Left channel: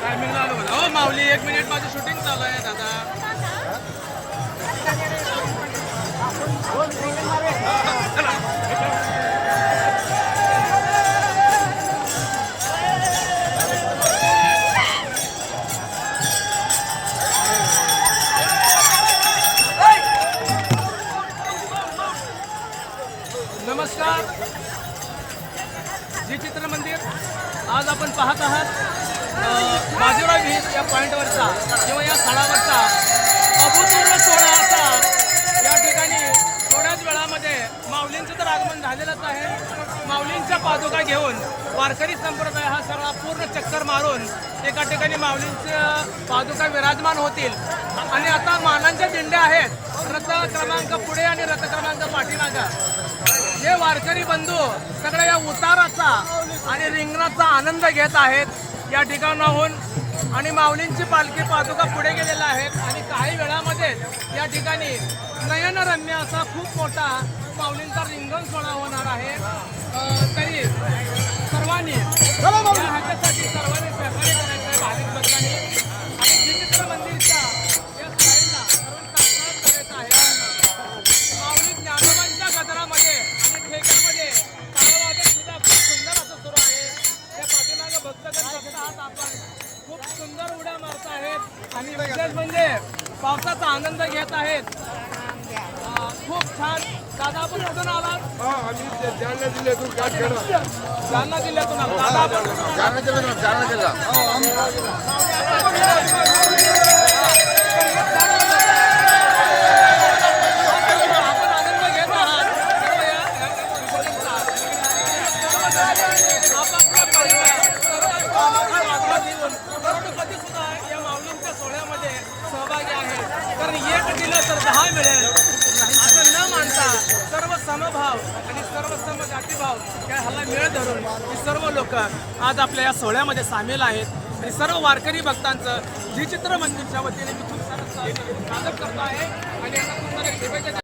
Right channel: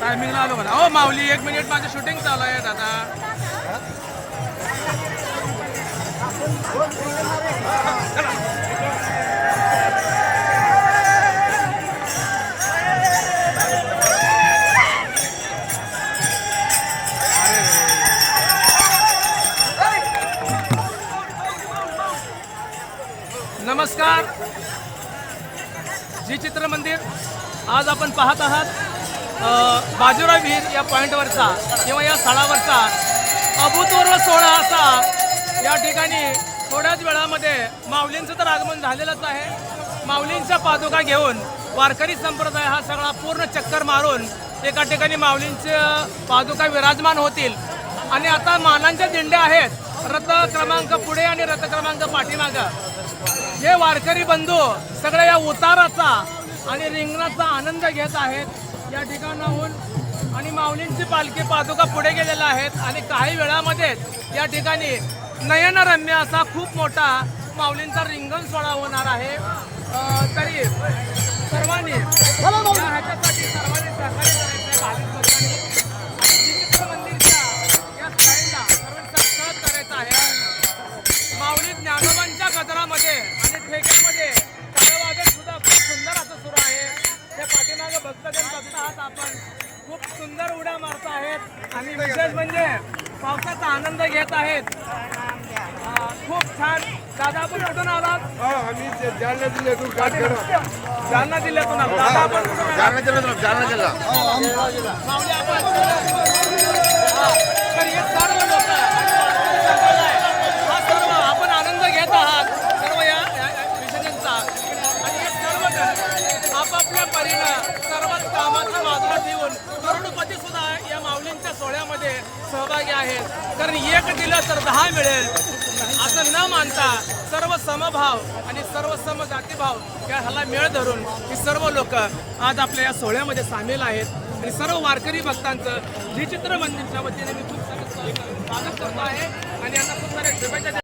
टायमिंगला आलो बघा हो माऊली एक मिनिट माझं शूटिंग चालू आहे दादा नमस्कार. जी चित्र मंदिर. आज आपण पाहत आहात बाजीराव विहीर या पॉईंटवरचा किंवा या स्थळावरचा. अभूतपूर्व सोहळा असा. या ठिकाणी थोड्याच वेळामध्ये माऊलींचं तर आगमन झालेलंच आहे. माऊलींच्या पादुका घेऊन वारकरी संप्रदाय हा सगळा पूर्ण चक्कर मारून एका ठिकाणी माऊलींच्या पादुका विराजमान होतील. आणि आता मानांच्या दिंड्या आहेत. रथ क्रमांक पुढे आणि रथ क्रमांक पाठीमागा. हे वारकरी बंधू सगळ्या या उताराचा आणि रिंगणाचा आनंद घेत आहेत या ठिकाणाहून. आणि माऊलींची पालखी पादुका पुढे गेलेल्या आहेत. आणि काही वेळामध्येच या ठिकाणी नयनरम्य असा खूप मोठा माऊलींचा रिंगण सोहळा होणार आहे. तरी सर्वांनी ह्याच्या आपण खूप सुंदर उड्या मारत आहेत आणि विशेष म्हणजे पावसाचा आनंद घेत आहेत खूप छान दादा आपण कुठून आलात जालना जिल्ह्यातून जालना जिल्ह्यातून आलात. दादा आपण कुठून आलात? जालना जिल्ह्यातून जालना जिल्हा असून करोडपती सुद्धा या माऊलींच्या सोहळ्यामध्ये सहभागी आहे. कारण एक दिलं तर दहा मिळेल. असं न मानता सर्व समभाव आणि सर्व सम जातीभाव या ह्याला मेळ धरून ही सर्व लोक आज आपल्या या सोहळ्यामध्ये सामील आहेत. आणि सर्व वारकरी भक्तांचं जी चित्र मंदिरच्या वतीने मी खूप सारं स्वागत करतो आहे. आणि